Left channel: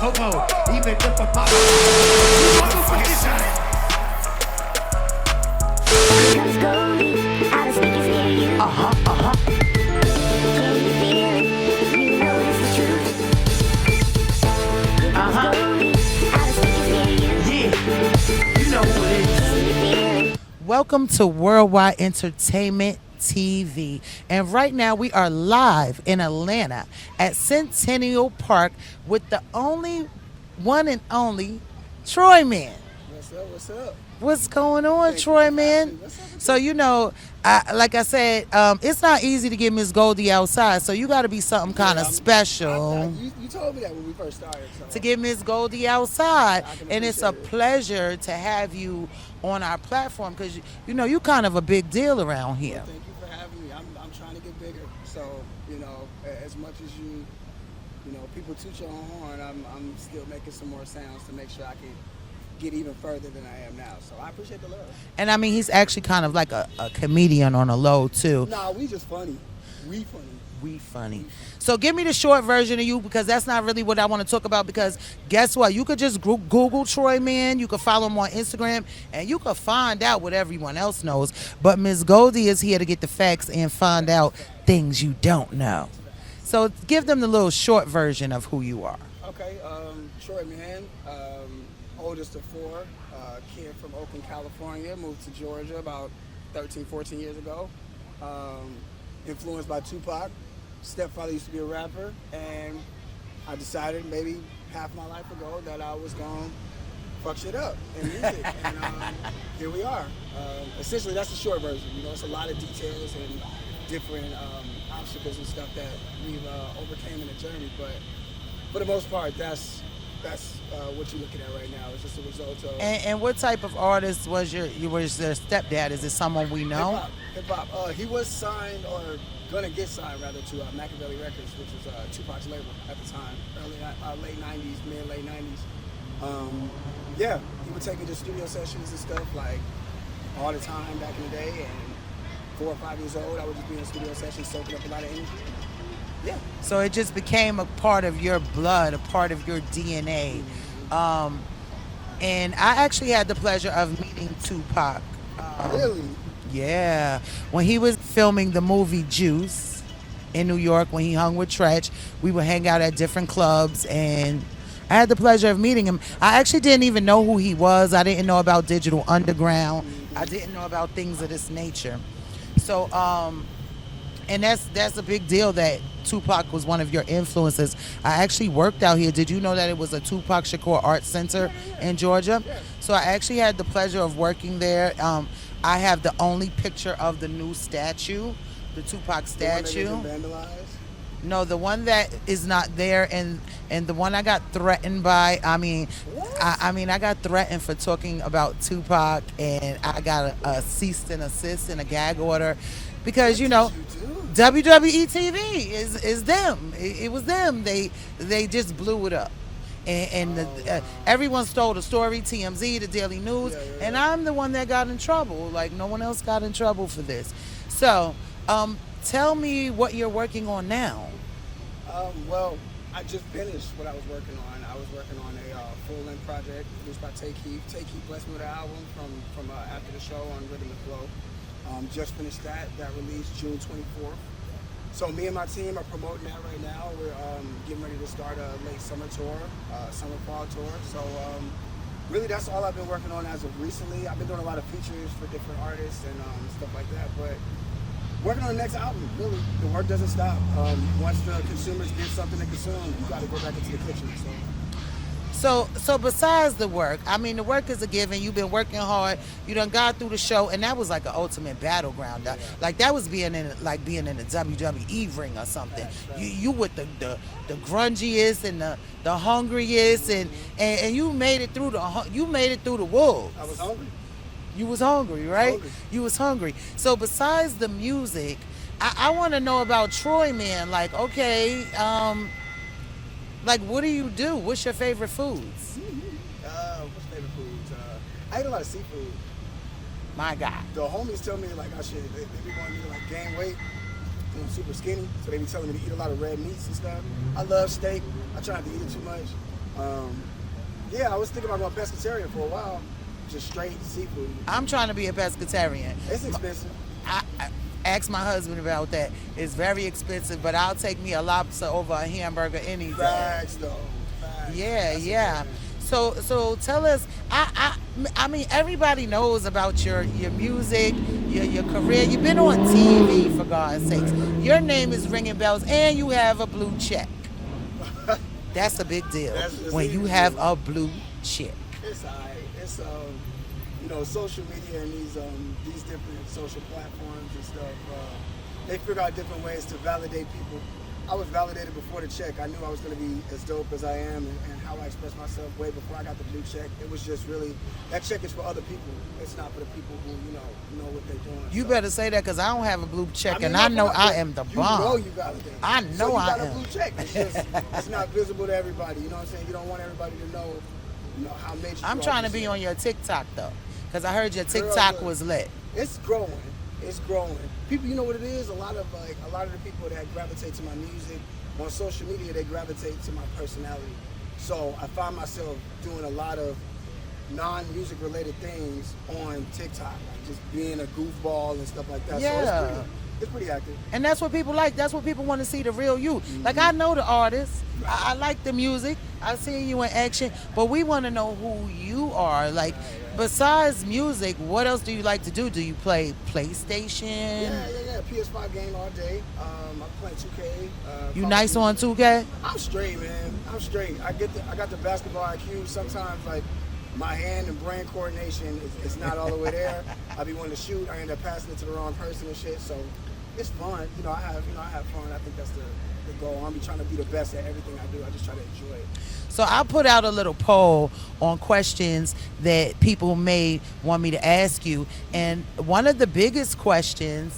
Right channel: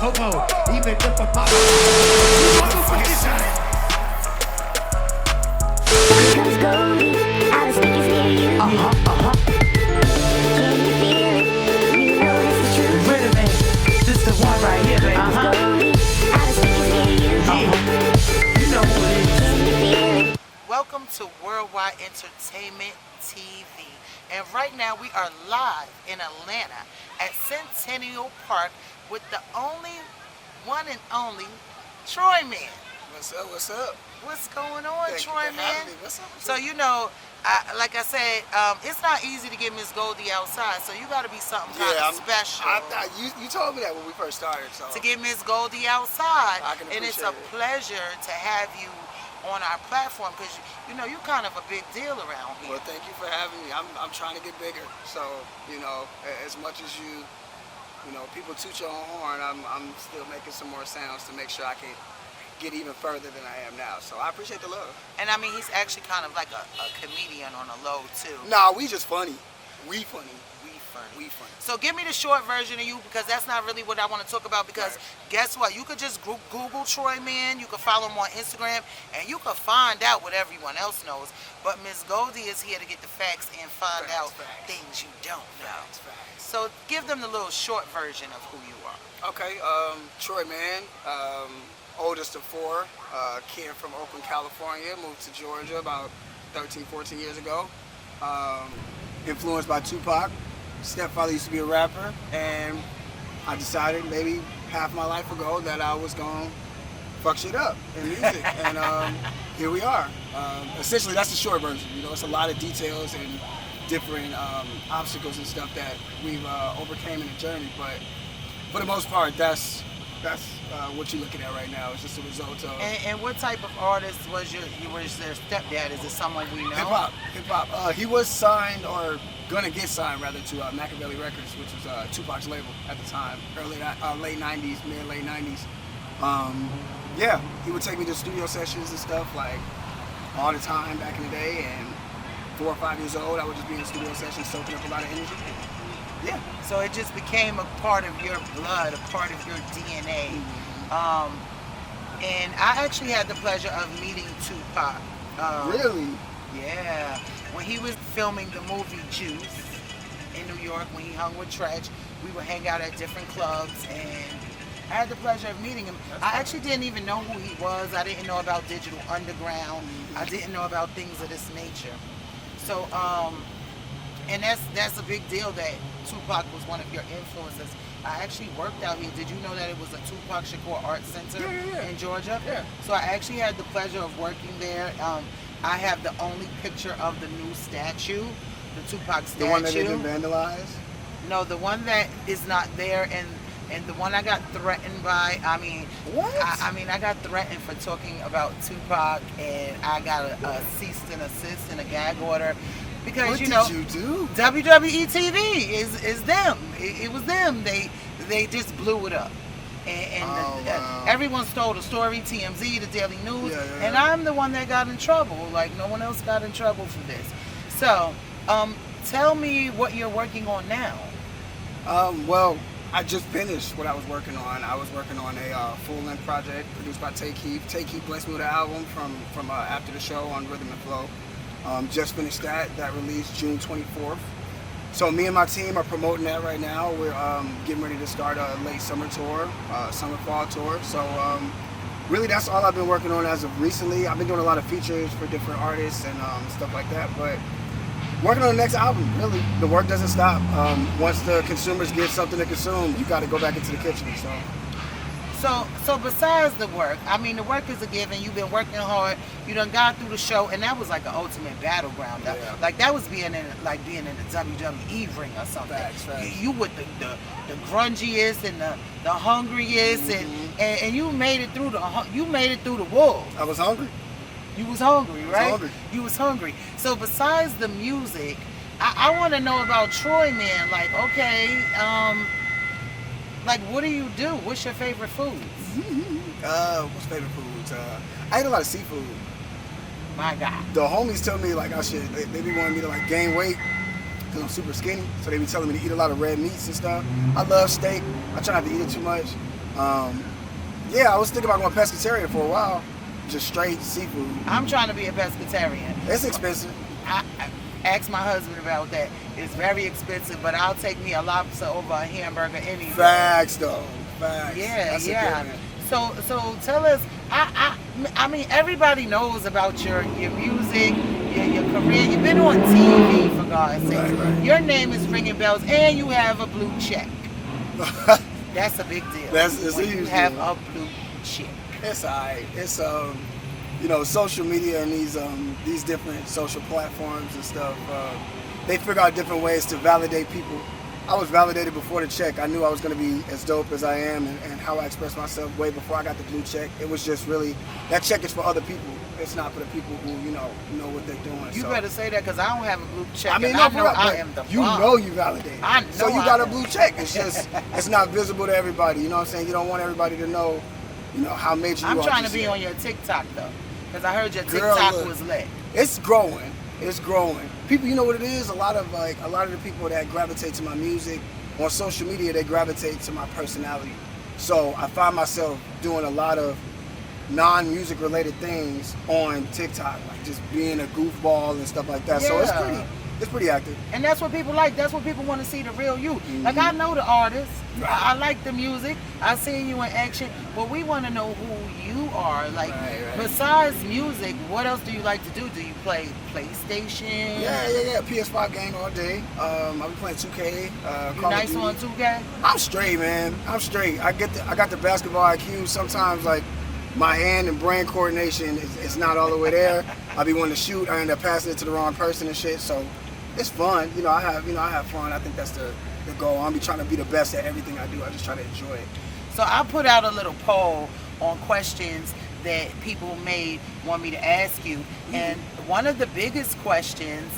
Homo, even if I'm not. Motherfucking shine. Cause Goldi, I was speaking near you. Can you feel it? You know this is true. Wait a minute, this is the one right here. Goldi, I was speaking near you. Yeah, you know who it is. Can you feel it? Welcome to Worldwide Entertainment TV. And right now we are live in Atlanta at Centennial Park with the only one and only Troyman. What's up? What's up? What's going on, Thank you for having Troyman? me. What's up? So you know, like I said, it's not easy to get Miss Goldi outside, so you got to be something kind of special You told me that when we first started. So to get Miss Goldi outside. I can And it's a appreciate it. pleasure to have you on our platform because you know you're kind of a big deal around here. Well, thank you for having me. I'm trying to get bigger. So you know, as much as you know, people toot your own horn. I'm still making some more sounds to make sure I can get even further than I am now. So I appreciate the love. And I mean, he's actually kind of like a comedian on a low too. Nah, we just funny. We funny. We funny. We funny. So give me the short version of you because that's not really what I want to talk about because guess what? You could just Google Troyman, you could follow him on Instagram, and you could find out what everyone else knows. But Miss Goldi is here to get the facts and find out things you don't know. So give them the little short version of who you are. Okay, Troyman, oldest of four, kid from Oakland, California, moved to Georgia about 13, 14 years ago. Influenced by Tupac. Stepfather used to be a rapper, and I decided maybe half my life ago that I was gonna fuck shit up in music, and here we are. Essentially, that's the short version. You know, it's a lot of details and different obstacles and stuff that we've overcame in the journey, but for the most part, that's what you're looking at right now. It's just a result of And what type of artist was their stepdad? Is it someone we know? hip hop. He was signed or gonna get signed rather to Makaveli Records, which was Tupac's label at the time, late '90s, late '90s. Yeah, he would take me to studio sessions and stuff like all the time back in the day. And 4 or 5 years old, I would just be in studio sessions, soaking up a lot of energy. Yeah. So it just became a part of your blood, a part of your DNA. And I actually had the pleasure of meeting Tupac. Really? Yeah. When he was filming the movie Juice in New York, when he hung with Tretch, we would hang out at different clubs and I had the pleasure of meeting him. I actually didn't even know who he was. I didn't know about Digital Underground. I didn't know about things of this nature. So, and that's a big deal that Tupac was one of your influences. I actually worked out here. Did you know that it was a Tupac Shakur Art Center in Georgia? Yeah. So I actually had the pleasure of working there. I have the only picture of the new statue, the Tupac statue. The one that isn't vandalized? No, the one that is not there, and the one I got threatened by. I mean, What? I got threatened for talking about Tupac, and I got a cease and desist and a gag order because What you know did you do? WWE TV is them. It was them. They just blew it up. And Oh, wow. everyone stole the story, TMZ, the Daily News, Yeah. and I'm the one that got in trouble. Like, no one else got in trouble for this. So, tell me what you're working on now. Well, I just finished what I was working on. I was working on a full-length project produced by Take Heath. Take Heath blessed me with an album from after the show on Rhythm and Flow. Just finished that. That released June 24th. So me and my team are promoting that right now. We're getting ready to start a late summer tour, summer-fall tour. So really that's all I've been working on as of recently. I've been doing a lot of features for different artists and stuff like that. But working on the next album, really. The work doesn't stop. Once the consumers get something to consume, you got to go back into the kitchen. So besides the work, I mean, the work is a given. You've been working hard. You done got through the show, and that was like an ultimate battleground. Yeah. Like that was being in the WWE ring or something. Facts. You with the grungiest and the hungriest, and you made it through the wolves. I was hungry. You was hungry, right? hungry. You was hungry. So besides the music, I want to know about Troyman. Like, okay, like what do you do? What's your favorite foods? What's favorite foods? I eat a lot of seafood. My God. The homies tell me like they be wanting me to like gain weight because I'm super skinny. So they be telling me to eat a lot of red meats and stuff. I love steak. I try not to eat it too much. Yeah, I was thinking about going pescatarian for a while, just straight seafood. I'm trying to be a pescatarian. It's expensive. I asked my husband about that. It's very expensive, but I'll take me a lobster over a hamburger any day. Facts, though. Facts. Yeah, That's a yeah. given. So tell us. I mean, everybody knows about your music, your career. You've been on TV, for God's sake. Right. Your name is ringing bells, and you have a blue check. That's a big deal. It's when a you huge have deal. a blue check. It's alright. It's you know, social media and these different social platforms and stuff. They figure out different ways to validate people. I was validated before the check. I knew I was going to be as dope as I am and how I express myself way before I got the blue check. It was just really, that check is for other people. It's not for the people who, know what they're doing. You better say that because I don't have a blue check, I mean, and no, I know for real, I but am the you bomb. know you validated. I know So you got I a am. blue check. It's just, it's not visible to everybody. You know what I'm saying? You don't want everybody to know, how major you are. I'm trying to just be yet. on your TikTok though, because I heard your Girl, TikTok look. was lit. It's growing. It's growing. People, you know what it is? A lot of the people that gravitate to my music on social media, they gravitate to my personality. So I find myself doing a lot of non-music related things on TikTok, like just being a goofball and stuff like that. So Yeah. it's pretty active. And that's what people like. That's what people want to see, the real you. Like, I know the artist. Right. I like the music. I see you in action. But we want to know who you are. Like, Right. besides music, what else do you like to do? Do you play PlayStation? Yeah. PS5 game all day. I've been playing 2K. You Call of nice Duty. on 2K? I'm straight, man. I'm straight. I got the basketball IQ. Sometimes, like, my hand and brain coordination is not all the way there. I be wanting to shoot. I end up passing it to the wrong person and shit. So it's fun. I have fun. I think that's the goal. I'm be trying to be the best at everything I do. I just try to enjoy it. So I put out a little poll on questions that people may want me to ask you. And one of the biggest questions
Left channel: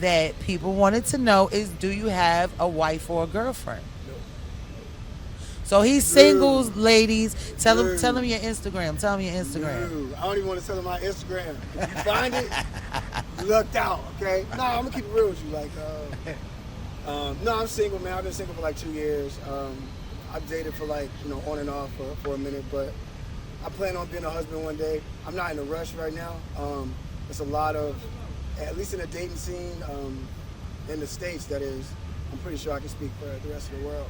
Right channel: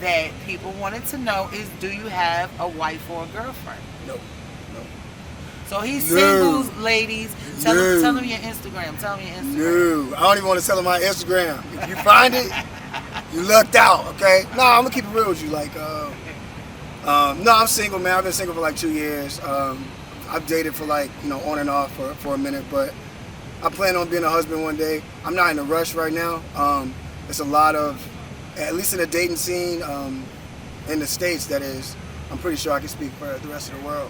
that people wanted to know is, do you have a wife or a girlfriend? No. So he's No. single, ladies. Tell No. him your Instagram. Tell him your Instagram. No, I don't even want to tell them my Instagram. If you find it, you lucked out, okay? No, I'm gonna keep it real with you. Like, no, I'm single, man. I've been single for like 2 years. I've dated for like, on and off for a minute, but I plan on being a husband one day. I'm not in a rush right now. It's a lot of, at least in the dating scene, in the States, that is, I'm pretty sure I can speak for the rest of the world.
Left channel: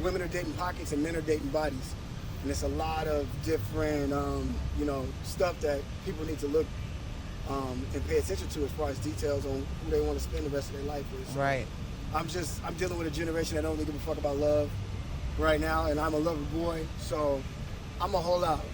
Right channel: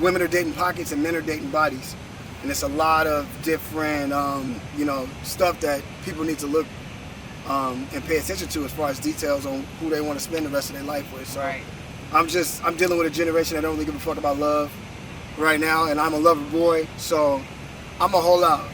Women are dating pockets and men are dating bodies. And it's a lot of different, stuff that people need to look and pay attention to as far as details on who they want to spend the rest of their life with. So Right. I'm dealing with a generation that don't really give a fuck about love right now, and I'm a lover boy, so I'm a whole out,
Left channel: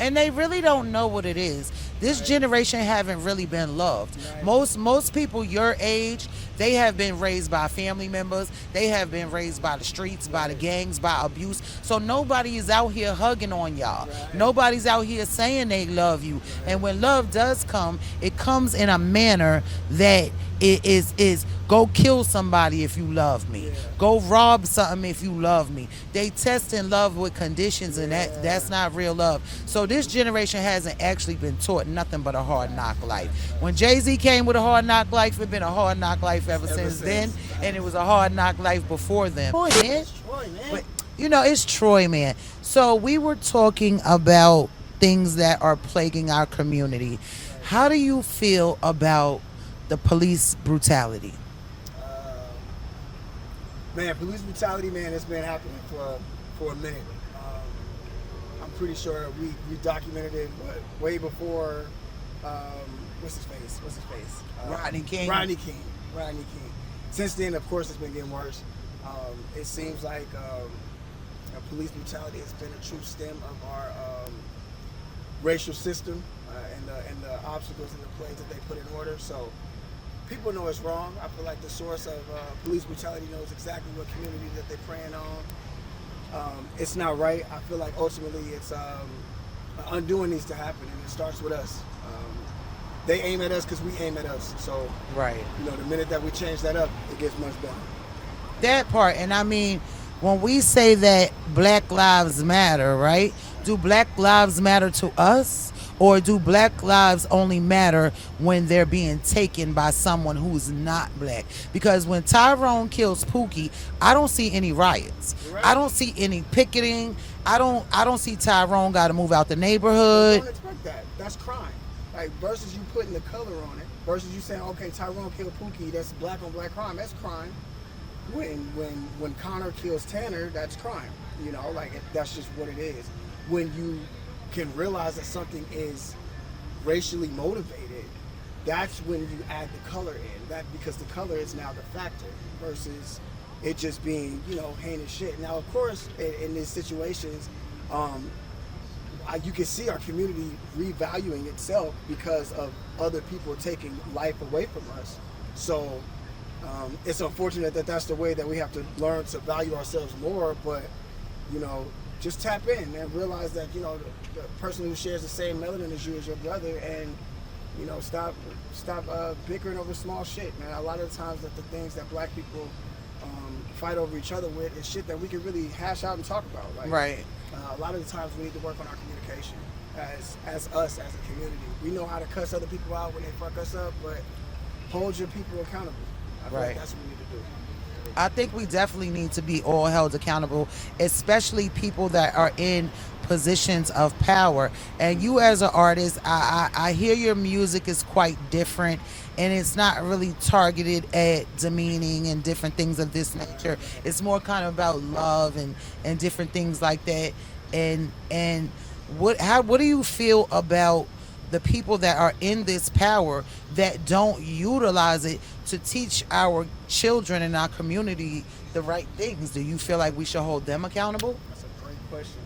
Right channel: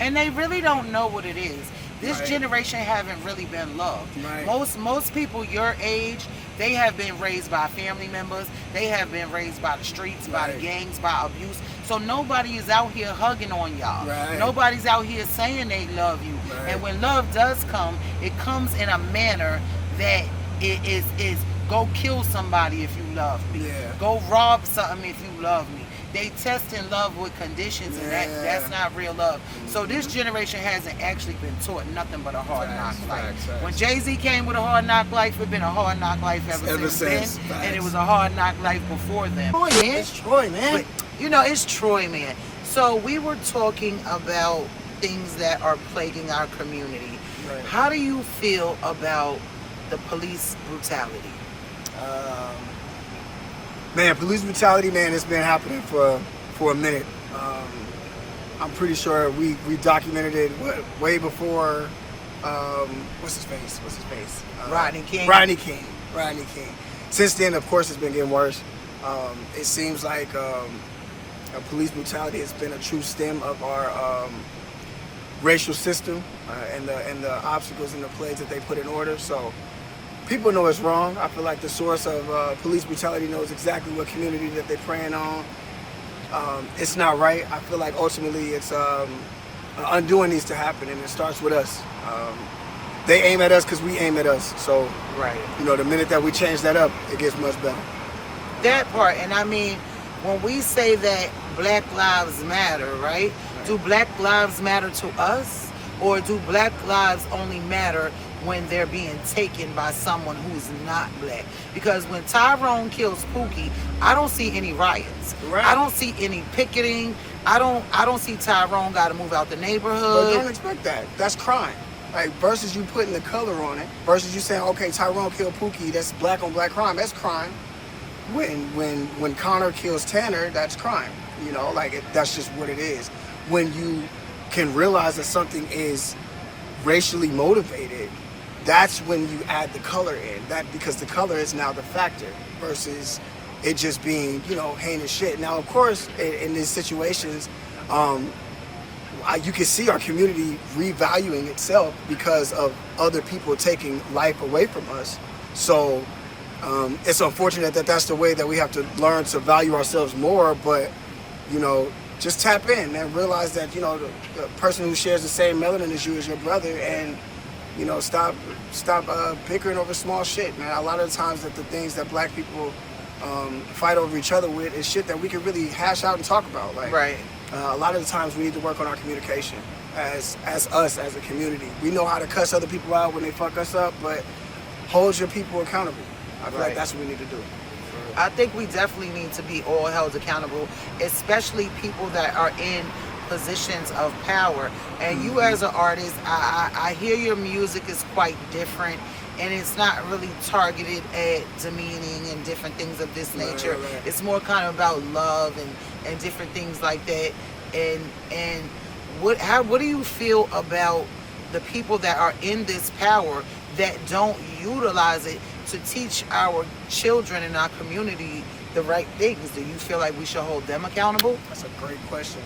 And they really don't know what it is. This Right. generation haven't really been loved. Right. Most people your age, they have been raised by family members. They have been raised by the streets, by the Right. gangs, by abuse. So nobody is out here hugging on y'all. Right. Nobody's out here saying they love you. Right. And when love does come, it comes in a manner that it is go kill somebody if you love me. Yeah. Go rob something if you love me. They test in love with conditions, and Yeah. that's not real love. So this generation hasn't actually been taught nothing but a hard knock life. facts. When Jay-Z came with a hard knock life, it's been a hard knock life ever since then, since, and it facts. was a hard knock life before then. Troy, man. It's Troy, man. But, it's Troy, man. So we were talking about things that are plaguing our community. Right. How do you feel about the police brutality? Man, police brutality, man, it's been happening for a minute. I'm pretty sure we documented it way before. What's his face? Rodney King. Rodney King. Since then, of course, it's been getting worse. It seems like police brutality has been a true stem of our racial system and the obstacles and the plagues that they put in order. So people know it's wrong. I feel like the source of police brutality knows exactly what community that they're preying on. It's not right. I feel like ultimately it's undoing needs to happen, and it starts with us. They aim at us because we aim at us. So, Right. the minute that we change that up, it gets much better. That part, and I mean, when we say that Black Lives Matter, right? Do Black Lives matter to us, Or do black lives only matter when they're being taken by someone who's not black? Because when Tyrone kills Pookie, I don't see any riots. Right. I don't see any picketing. I don't see Tyrone got to move out the But neighborhood. don't expect that. That's crime. Like, versus you putting the color on it, versus you saying, okay, Tyrone killed Pookie, that's black on black crime. That's crime. When Connor kills Tanner, that's crime. You know, like that's just what it is. When you can realize that something is racially motivated, that's when you add the color in. That because the color is now the factor versus it just being, you know, heinous shit. Now, of course, in these situations, you can see our community revaluing itself because of other people taking life away from us. So it's unfortunate that that's the way that we have to learn to value ourselves more, but, you know, just tap in and realize that, you know, the person who shares the same melanin as you is your brother, and, you know, stop bickering over small shit, man. A lot of the times that the things that black people fight over each other with is shit that we can really hash out and talk about. Like, Right. A lot of the times we need to work on our communication as us as a community. We know how to cuss other people out when they fuck us up, but hold your people accountable. I feel Right. like that's what we need to do. I think we definitely need to be all held accountable, especially people that are in positions of power. And you as an artist, I hear your music is quite different, and it's not really targeted at demeaning and different things of this nature. Right. It's more kind of about love and different things like that. And what do you feel about the people that are in this power that don't utilize it to teach our children in our community the right things? Do you feel like we should hold them accountable? That's a great question.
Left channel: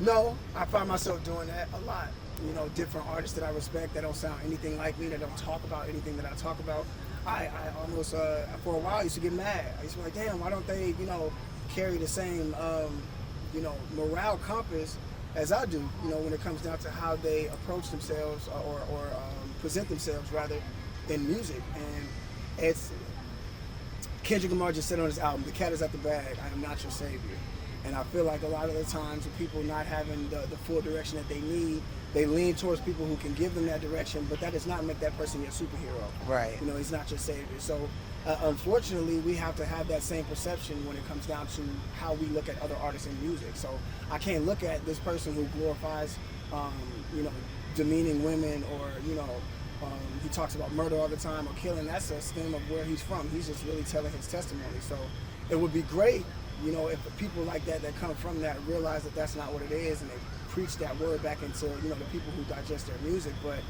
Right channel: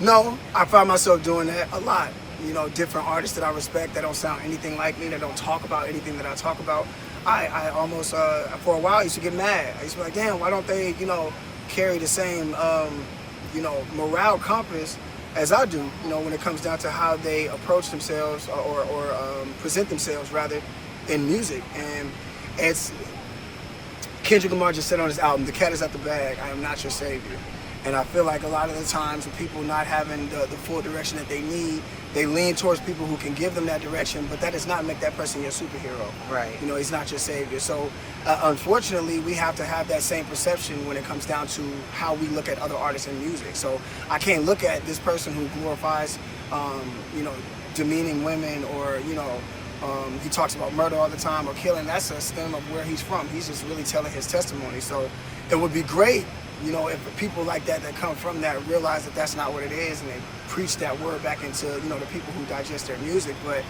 No, I find myself doing that a lot. You know, different artists that I respect that don't sound anything like me, that don't talk about anything that I talk about. I almost, for a while, I used to get mad. I used to be like, damn, why don't they, you know, carry the same, you know, morale compass as I do, you know, when it comes down to how they approach themselves or present themselves, rather, in music. And it's, Kendrick Lamar just said on his album, "The cat is out the bag, I am not your savior." And I feel like a lot of the times with people not having the full direction that they need, they lean towards people who can give them that direction, but that does not make that person your superhero. Right. You know, he's not your savior. So unfortunately, we have to have that same perception when it comes down to how we look at other artists in music. So I can't look at this person who glorifies, you know, demeaning women, or, you know, he talks about murder all the time or killing. That's a stem of where he's from. He's just really telling his testimony. So it would be great, you know, if people like that come from that realize that that's not what it is, and they preach that word back into, you know, the people who digest their music. But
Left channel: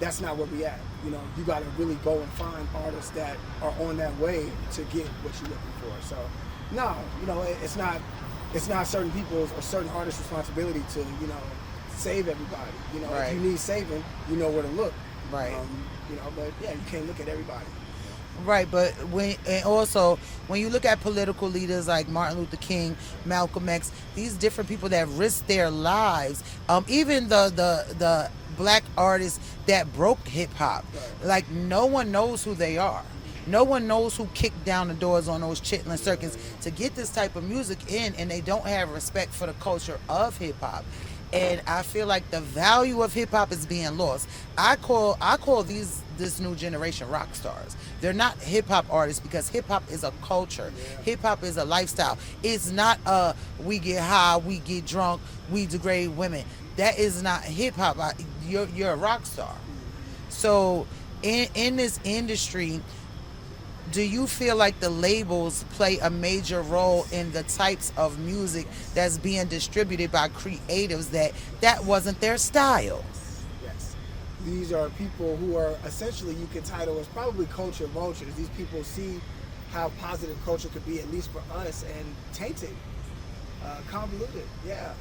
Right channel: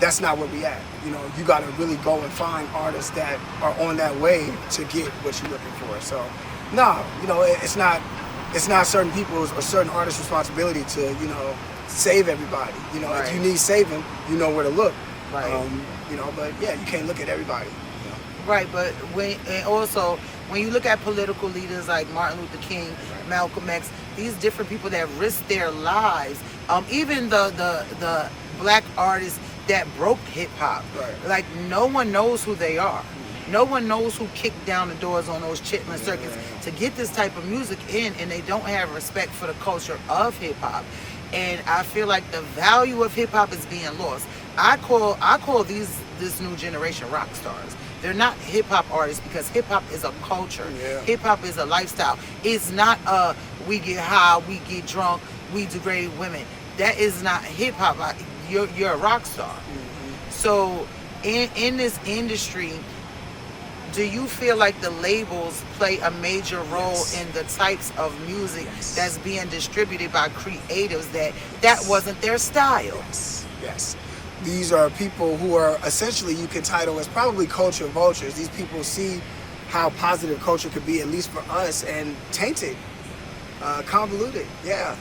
that's not where we at. You know, you got to really go and find artists that are on that way to get what you're looking for. So, no, you know, it's not certain people's or certain artists' responsibility to, you know, save everybody. You know, if you need saving, you know where to look. Right. You know, but yeah, you can't look at everybody. Right, but also when you look at political leaders like Martin Luther King, Malcolm X, these different people that risked their lives, even the black artists that broke hip hop, Right. like no one knows who they are. No one knows who kicked down the doors on those chitlin circuits to get this type of music in, and they don't have respect for the culture of hip hop. And I feel like the value of hip hop is being lost. I call this new generation rock stars. They're not hip hop artists, because hip hop is a culture. Yeah. Hip hop is a lifestyle. It's not we get high, we get drunk, we degrade women. That is not hip hop. You're a rock star. Mm-hmm. So in this industry, do you feel like the labels play a major role in the types of music that's being distributed by creatives that wasn't their style? Yes. These are people who are essentially, you can title as probably culture vultures. These people see how positive culture could be, at least for us, and tainted, convoluted. Yeah.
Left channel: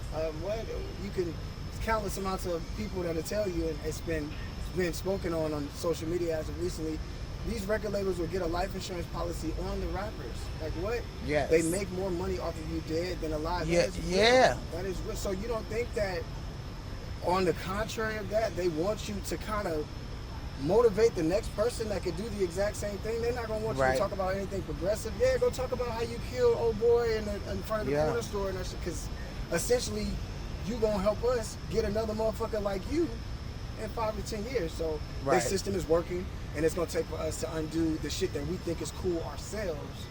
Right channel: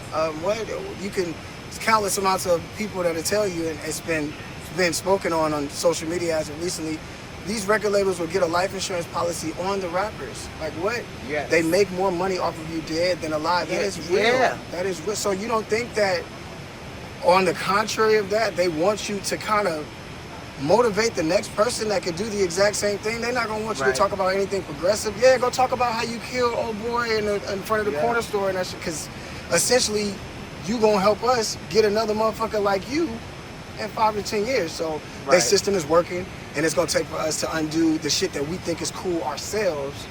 You can, countless amounts of people that'll tell you, and it's been spoken on social media as of recently. These record labels will get a life insurance policy on the rappers. Like, what? Yes. They make more money off of you dead than alive. That is real. Yeah. That is real. So you don't think that, on the contrary of that, they want you to kind of motivate the next person that could do the exact same thing? They're not going to want you to talk about anything progressive. Yeah, go talk about how you killed old boy in front of the corner store and that shit. Because essentially, you gonna help us get another motherfucker like you in 5 to 10 years. So Right. their system is working, and it's gonna take for us to undo the shit that we think is cool ourselves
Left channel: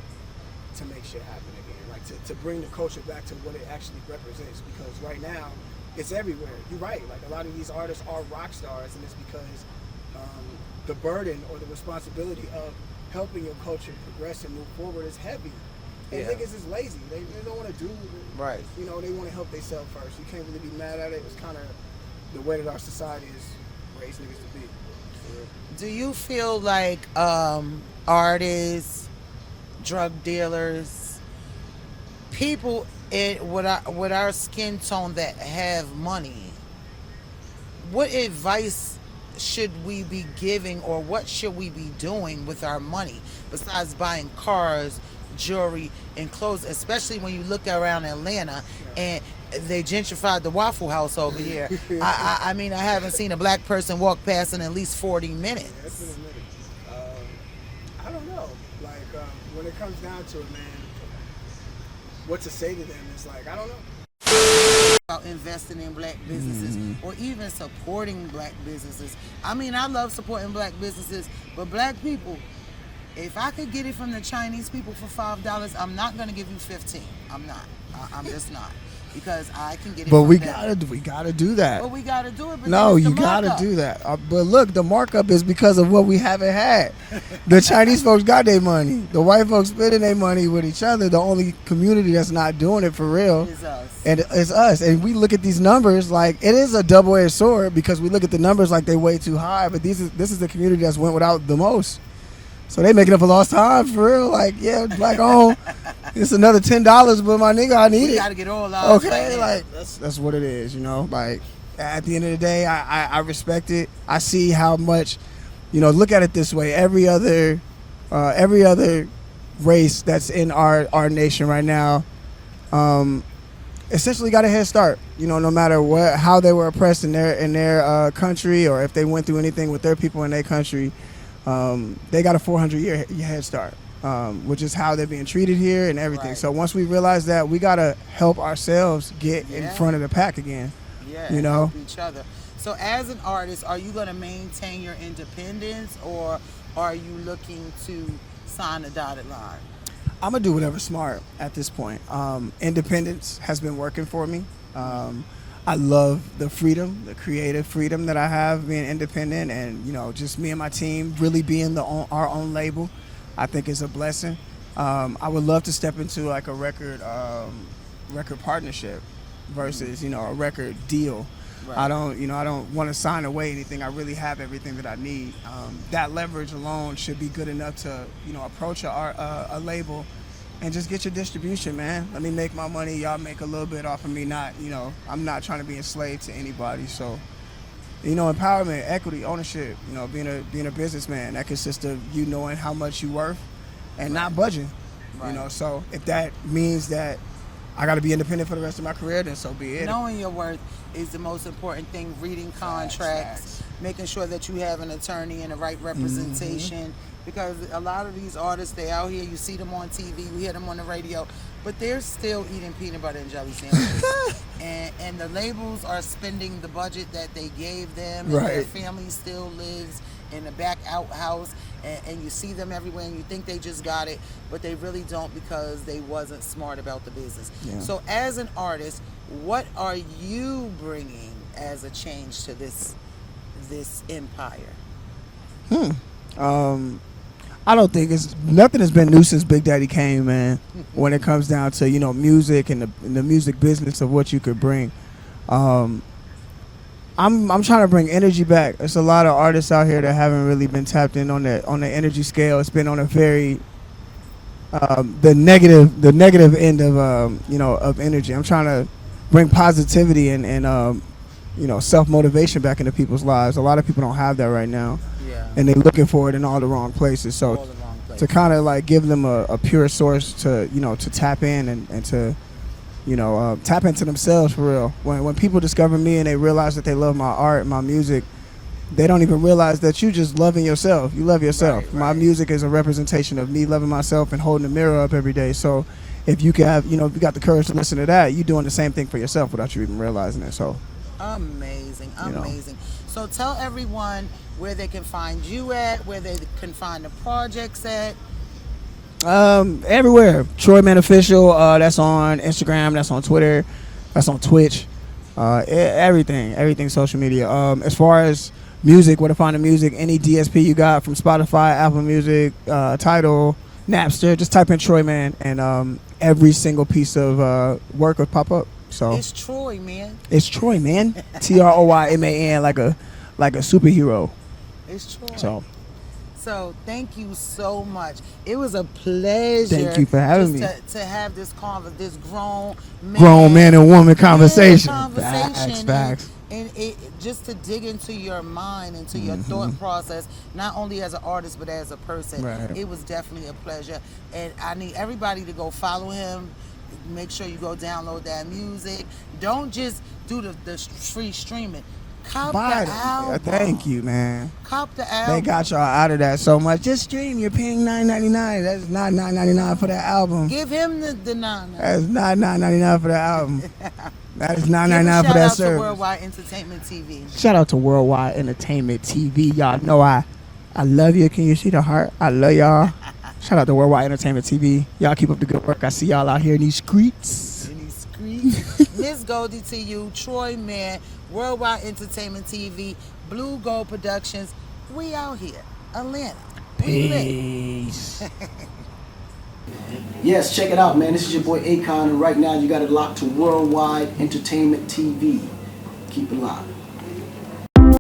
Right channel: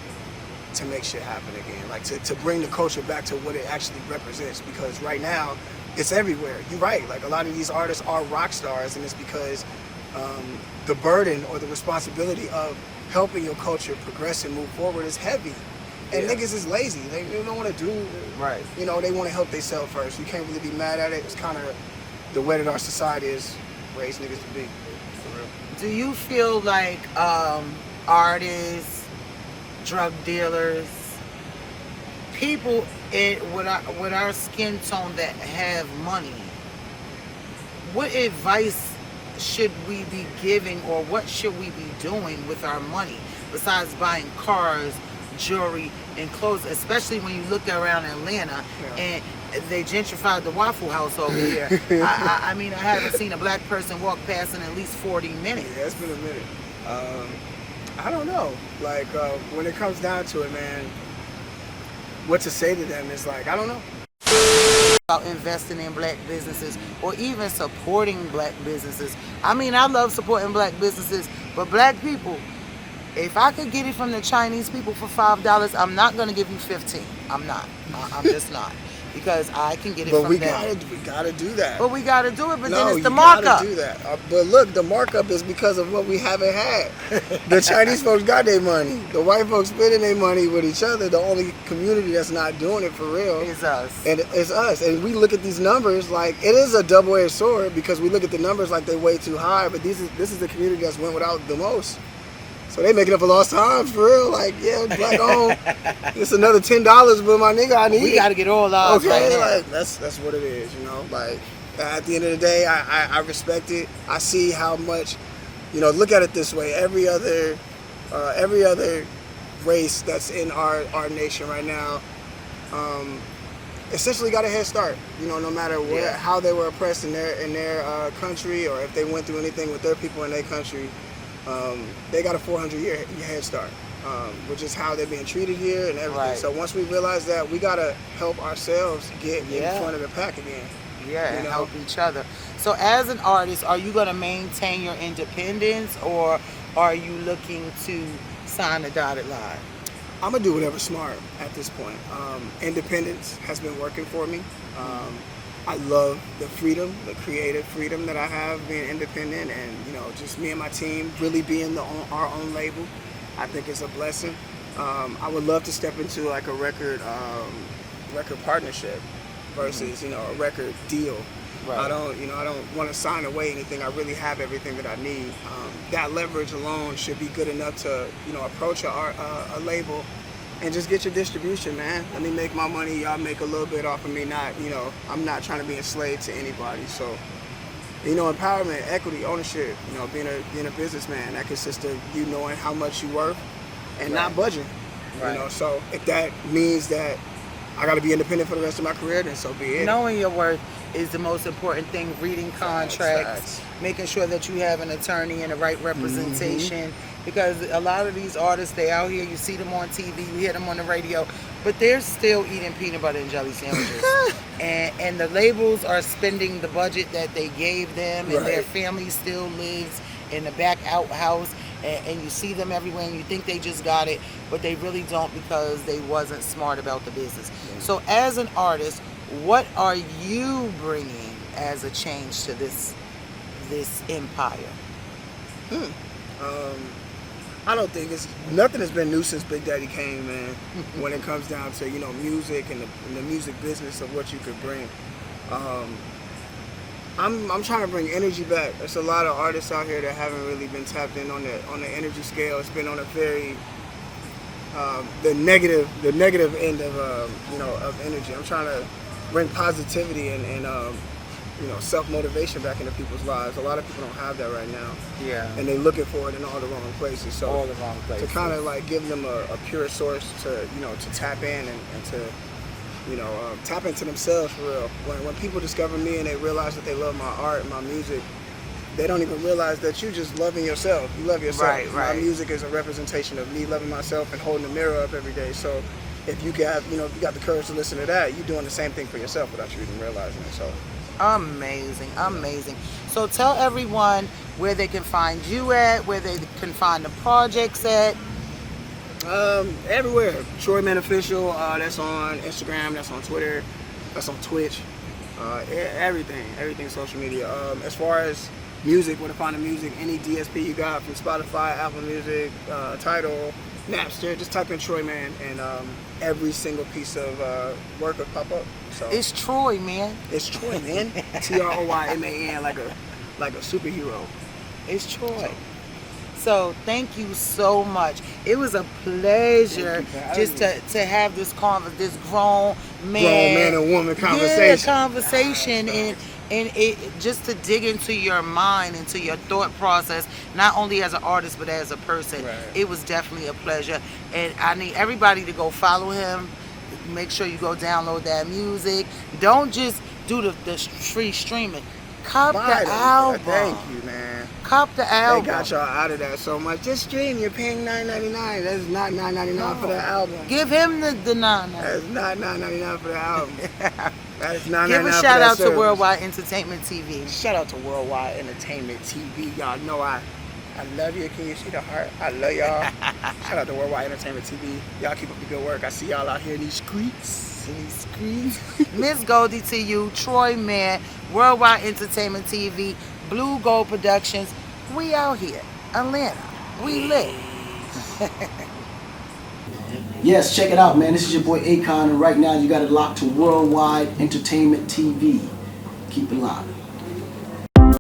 to make shit happen again. Like to bring the culture back to what it actually represents. Because right now, it's everywhere. You're right. Like a lot of these artists are rock stars, and it's because the burden or the responsibility of helping your culture progress and move forward is heavy. And Yeah. niggas is lazy. They don't want to do, Right. you know, they want to help themselves first. You can't really be mad at it. It's kind of the way that our society is raised niggas to be. For real. Do you feel like artists, drug dealers, people with our skin tone that have money, what advice should we be giving, or what should we be doing with our money besides buying cars, jewelry, and clothes, especially when you look around Atlanta and they gentrified the Waffle House over here. I mean, I haven't seen a black person walk past in at least 40 minutes. Yeah, it's been a minute. I don't know. Like, when it comes down to it, man, what to say to them is like, I don't know. About investing in black businesses or even supporting black businesses. I mean, I love supporting black businesses, but black people, if I could get it from the Chinese people for $5, I'm not going to give you 15. I'm not. I'm just not. Because I can get it from them. We gotta do that. But we got to do it, but No, then it's the you markup. gotta do that. But look, the markup is because of what we haven't had. The Chinese folks got their money. The white folks spending their money with each other. The only community that's not doing it for real It's us. and it's us. And we look at these numbers like it is a double-edged sword because we look at the numbers like they're way too high. But this is the community that's went without the most. So they making up for lost time for real. Like, yeah, black on. It's another $10, but my nigga, I need We it. got to get all ours right Okay, now. like that's what it is, you know. Like at the end of the day, I respect it. I see how much, you know. Look at it this way: every other race that's in our nation right now, essentially got a head start. You know, no matter what, how they were oppressed in their country, or if they went through anything with their people in their country, they got a 400-year head start. Which is how they're being treated here and everything. Right. So once we realize that, we gotta help ourselves get in Yeah. front of the pack again. Yeah, You and know? help each other. So as an artist, are you going to maintain your independence, or are you looking to sign a dotted line? I'm gonna do whatever's smart at this point. Independence has been working for me. I love the freedom, the creative freedom that I have being independent, and you know, just me and my team really being our own label. I think it's a blessing. I would love to step into like a record partnership versus a record deal. Right. I don't want to sign away anything. I really have everything that I need. That leverage alone should be good enough to approach a label and just get your distribution, man. Let me make my money. Y'all make a little bit off of me. I'm not trying to be enslaved to anybody. So. Empowerment, equity, ownership, being a businessman, that consists of you knowing how much you're worth and not budging. Right. So if that means that I got to be independent for the rest of my career, then so be it. Knowing your worth is the most important thing. Reading contracts, Facts. making sure that you have an attorney and the right representation. Because a lot of these artists, they out here, you see them on TV, you hear them on the radio, but they're still eating peanut butter and jelly sandwiches. and the labels are spending the budget that they gave them, and their Right. family still lives in the back outhouse, and you see them everywhere and you think they just got it, but they really don't, because they wasn't smart about the business. Yeah. So as an artist, what are you bringing as a change to this empire? I don't think nothing has been new since Big Daddy came, man. When it comes down to music and the music business of what you could bring, I'm trying to bring energy back. There's a lot of artists out here that haven't really been tapped in on the energy scale. It's been on a very the negative end of of energy. I'm trying to bring positivity and self-motivation back into people's lives. A lot of people don't have that right now. Yeah. And they're looking for it in all the wrong places. So All the wrong places. to kind of like give them a pure source to to tap in and to tap into themselves for real. When people discover me and they realize that they love my art and my music, they don't even realize that you just loving yourself. You love yourself. Right, My right. music is a representation of me loving myself and holding the mirror up every day. So if you can have, if you got the courage to listen to that, you're doing the same thing for yourself without you even realizing it. So amazing. So tell everyone where they can find you at, where they can find the projects at. Everywhere. Troyman Official. That's on Instagram. That's on Twitter. That's on Twitch. Everything social media. As far as music, where to find the music, any DSP you got from Spotify, Apple Music, Tidal, Napster, just type in Troyman, and every single piece of work will pop up. So It's Troy, man. it's Troyman, Troyman, like a superhero. It's Troy. So thank you so much. It was a pleasure. Thank you for having me. To have this grown man and woman conversation. Conversation, Facts. and it just to dig into your mind, into your thought process, not only as an artist but as a person. Right. It was definitely a pleasure, and I need everybody to go follow him. Make sure you go download that music. Don't just do the free streaming. Cop Buy the it. album. Thank you, man. Cop the album. They got y'all out of that so much. Just stream. You're paying $9.99. That's not $9.99 for that album. Give him the $9. That's not $9.99 for that album. That's $9.99 for that Give a shout out service. to Worldwide Entertainment TV. Shout out to Worldwide Entertainment TV. Y'all know I love you. Can you see the heart? I love y'all. Shout out to Worldwide Entertainment TV. Y'all keep up the good work. I see y'all out here in these streets. Miss Goldi to you, Troyman, Worldwide Entertainment TV, Blue Gold Productions. We out here, Atlanta. We lit. Yes, check it out, man. This is your boy Akon, and right now you got it locked to Worldwide Entertainment TV. Keep it locked.